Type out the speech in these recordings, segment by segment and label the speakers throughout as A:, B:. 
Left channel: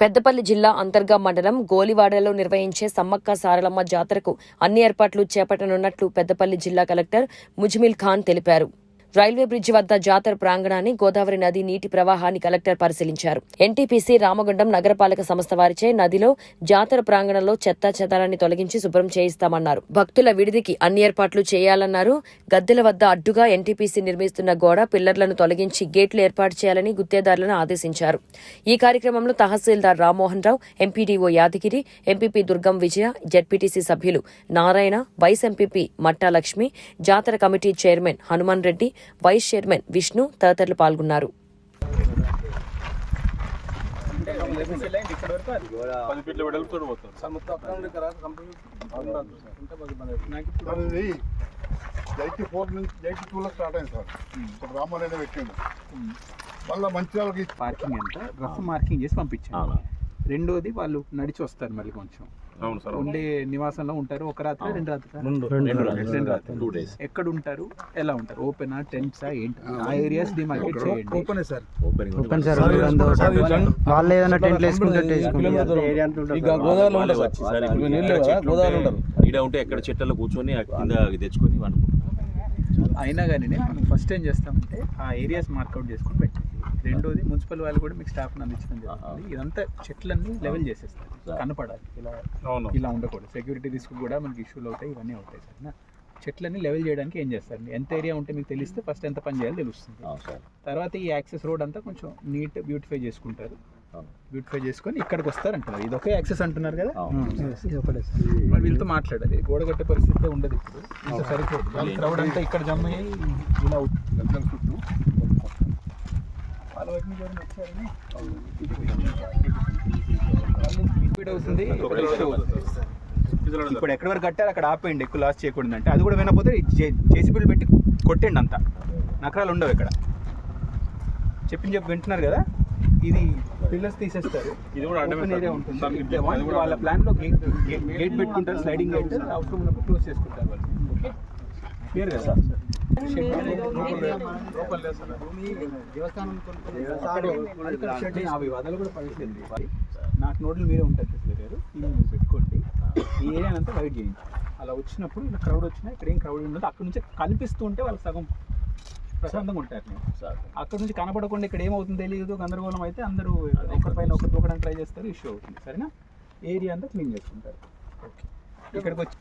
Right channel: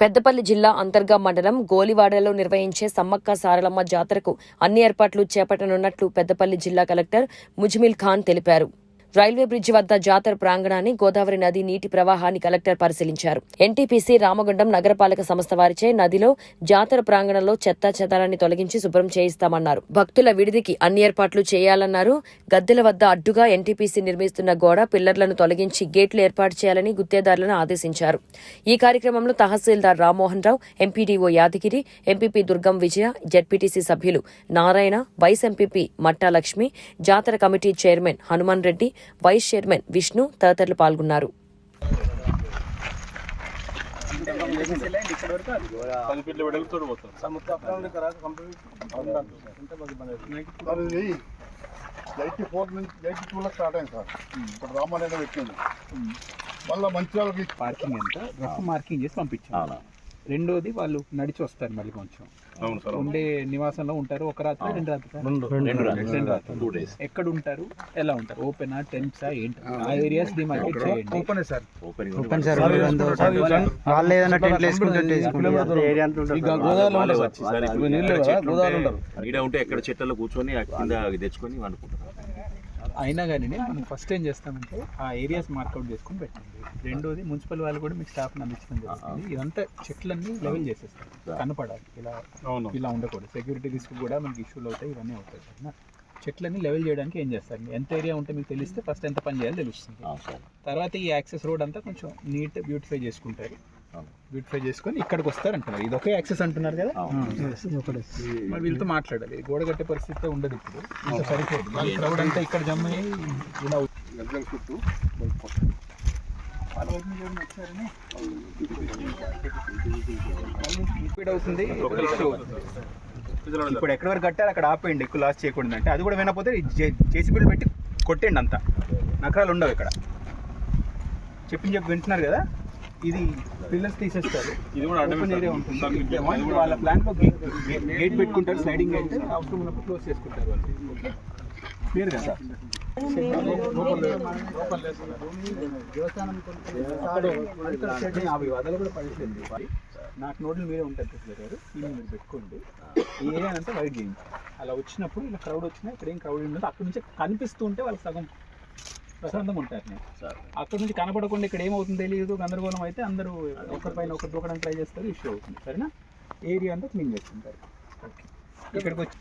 A: పెద్దపల్లి జిల్లా అంతర్గా మండలం గోలివాడలో నిర్వహించే సమ్మక్క సారలమ్మ జాతరకు అన్ని ఏర్పాట్లు చేపట్టనున్నట్లు పెద్దపల్లి జిల్లా కలెక్టర్ ముజ్మిల్ ఖాన్ తెలిపారు. రైల్వే బ్రిడ్జి వద్ద జాతర ప్రాంగణాన్ని గోదావరి నది నీటి ప్రవాహాన్ని కలెక్టర్ పరిశీలించారు. ఎన్టీపీసీ రామగుండం నగరపాలక సంస్థ వారిచే నదిలో జాతర ప్రాంగణంలో చెత్తా చెదారాన్ని తొలగించి శుభ్రం చేయిస్తామన్నారు. భక్తుల విడిదికి అన్ని ఏర్పాట్లు చేయాలన్నారు. గద్దెల వద్ద అడ్డుగా ఎన్టీపీసీ నిర్మిస్తున్న గోడ పిల్లర్లను తొలగించి గేట్లు ఏర్పాటు చేయాలని గుత్తేదారులను ఆదేశించారు. ఈ కార్యక్రమంలో తహసీల్దార్ Rammohan Rao MPDO Yadagiri MPP Durgam Vijaya ZPTC సభ్యులు నారాయణ వైస్ ఎంపీపీ మట్టా లక్ష్మి జాతర committee chairman Hanuman Reddy vice chairman Vishnu తదితరులు పాల్గొన్నారు.
B: పది
C: ఎయిటీ ఫోర్ నుంచి ఎయిటీ టూలో స్టార్ట్ అయింది సార్ ఇప్పుడు మళ్ళీ మంచి
D: పార్కింగ్ ఎంత? రఫ్ మార్కింగ్ చేసి పంపించాలి. రెండోది వాళ్ళు నడిచి వస్తారు మళ్ళీ కొంచెం.
B: అవును సార్
D: ఉండే నివాసంలో ఉంటారు ఒక రాత్రి రెండు రాత్రి. రెండు రాత్రి.
B: టూ డేస్
D: ఎక్కడ ఉంటారు ఎలా ఉంటారు ఓపెనా టెంట్సా ఏంటి? ఆ ఏరియాస్ డిమార్కెట్ చేయండి. Open sir.
E: ఓపెన్ సార్ వాళ్ళు ఏదైనా టెంట్లు వేసుకుంటే ఏరియా
F: గోదావరిలో ఉంటారు సార్. ఇప్పుడు నీళ్ళు గోదావరిలో ఉంటారు ఈడ ఉంటే ఎక్కడ చెట్లలో కూర్చొని కింద తెచ్చుకొని వండుకుంటాం
D: అయినా కానీ మనం ఫస్ట్ ఏం చేస్తామంటే ఆ ఏరియాస్ మార్కౌట్ చేసుకొని పెట్టండి రెండోది మున్సిపల్ వాళ్ళు కూడా మీకు స్టాఫ్ అందించడం జరుగుతుంది. ఇదంతా చెట్లన్నీ లెవెల్ చేసేస్తారు కనపడాలి. ఇలా ఇలా ఉండకూడదు. సెక్యూరిటీ రిస్క్ కూడా మనకి ఇష్యూలు అవుతాయి ఇవన్నీ అవుతాయి. సరేనా? చెట్లన్నీ లెవెల్ చేయడానికి ఏం చేస్తారు? ఎంత ఏరియా ఉంటే మీకు తెలిస్తే ఫస్ట్ ఎంత పని చేయాలో తెలుస్తుంది. తర్వాత ఈ యాక్సెస్ రోడ్ అంతా కొంచెం నీట్ బ్యూటిఫై చేసుకుంటారు. బ్యూటిఫై చేసుకొని ఇక్కడికి వస్తారు అంటున్నారు. ఇది ఒకే యాక్సెస్ అంటున్నారు కదా? మరి వీళ్ళతో మాట్లాడాలి. గోడ కట్టే పరిస్థితి ఉండదు ఇప్పుడు. సరిపోదు. క్రౌడ్ అంతా ఇక్కడ జమ అయ్యి ఇలా
C: చుట్టూ
D: అవుతుంది ఇప్పుడు ఎక్కడి వరకు కట్టారు అక్కడ ఆపేయండి ఎక్కువ లాస్ చేయకూడదు అంటే. అది కూడా వినకపోతే జేసీబీలు పెట్టి కొట్టేయండి అంతా. నకరాలు ఉండవు ఇక్కడ. చెప్పి చెప్పి వింటున్నారు కదా? ఇది పిల్లర్స్ తీసేస్తారు.
B: ఇది కూడా
D: ఓపెన్ ఏరియా. ఉంటుంది. వాళ్ళ ప్లాన్లో గేట్ పెట్టుకుంటారు స్లైడింగ్ గేట్ అవసరం ఉన్నప్పుడు క్లోజ్ చేసుకుంటారు వాళ్ళు. క్లియర్ కదా? ఆ వివాదాలు కూడా పడట్లేదు నాకు నోట్లు మీరే ఉంటారు కృష్ణ గారు దీన్ని మీరు పెట్టుకోండి. ఈ ఏరియా అంతా వైడ్ చేయండి. అలా వచ్చినప్పుడు ఇలా క్రౌడ్ వచ్చినా ఇక్కడ ఏం క్రౌడ్ ఉండదు అక్కడ నుంచి కనిపిస్తూ ఉంటే సగం ప్రశాంతంగా ఉంటారు నేను అక్కడ నుంచి కనపడకుండా ఇక్కడ ఏమవుతుందో తెలియదు. గందరగోళం అయితే అందరూ ఒకరిపైన ఒకరు తోకడానికి ట్రై చేస్తారు. ఇష్యూ అవుతుంది. సరేనా? ఏరియా అంతా క్లీన్ చేసుకుంటారు ఇక్కడికి వచ్చి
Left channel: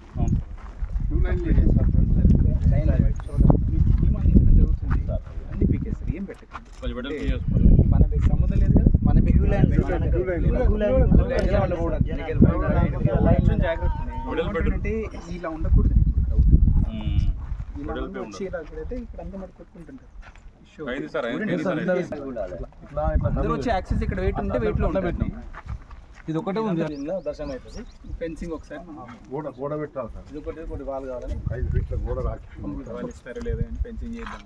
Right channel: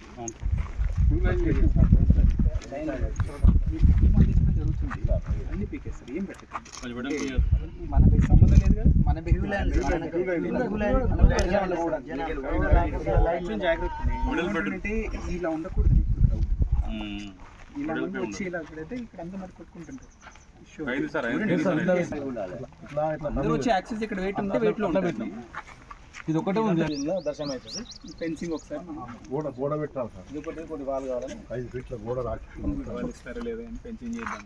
D: జరుగుతుంది అన్ని పీకేస్తారు ఏం పెట్టకండి. మనకి సంబంధం లేదు కదా మన అంటే ఇలా ఉండకూడదు. ఇలా వచ్చి ఇలా పెడితే ఇక్కడ అంతా మరి కొట్టుకుంటుంటారు అందరూ వచ్చి యాక్సెస్ ఇక్కడ వెయిట్ ఉంటే వెయిట్లో ఉంటారు
F: ఇది ఒకటే ఉంది
E: దర్శనం అవుతుంది.
D: ఫెన్సింగ్ ఒకసారి
C: గోడ గోడ పెట్టాలి సార్.
E: ఇది ఒకటి కొన్ని వాళ్ళు కావాలని
C: ఐదు ఫీట్ల గోడ రాకి
D: వాళ్ళు ఇస్తారో లేదో అని ఫెన్సింగ్ చేద్దాం.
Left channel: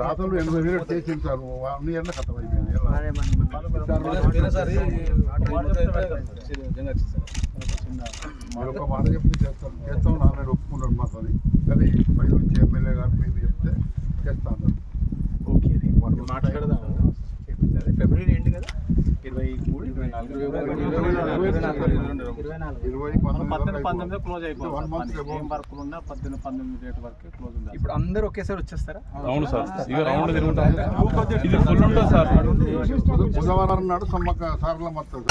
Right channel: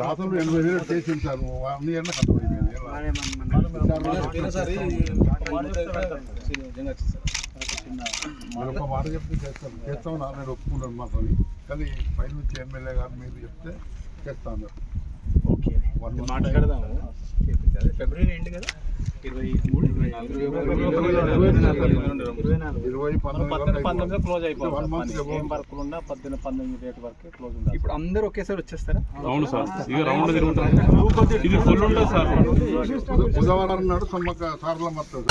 C: దాతలు ఎనభై వేలు చేసింది సార్? అన్ని ఏళ్ళ మాట చెప్తే చేస్తాం చేస్తాం నాన్న ఒప్పుకున్నారు మాతోని కానీ పై నుంచి ఎమ్మెల్యే గారు మీరు చెప్తే చేస్తా అన్నారు
D: ఓకే
C: One
D: చేపించాలి ఫిబ్రవరి ఎండ్ కదా? ఇరవై మూడు? ఇరవై నాలుగు. ఇరవై
B: పంతొమ్మిది
C: పంతొమ్మిది
B: క్లోజ్
C: మంత్
B: ఏం వర్క్ ఉన్నా పద్దెనిమిది పంతొమ్మిది రేట్ వరకే క్లోజ్ ఉంది
D: ఇప్పుడు అందరూ ఒకేసారి వచ్చేస్తారా?
B: అవును సార్. ఇక రౌండ్ తిరుగుతుంది ఇది ఫుల్ ఉంటుంది సార్?
C: బుధవారం నాడు సమ్మక్క సారలమ్మ వస్తుంది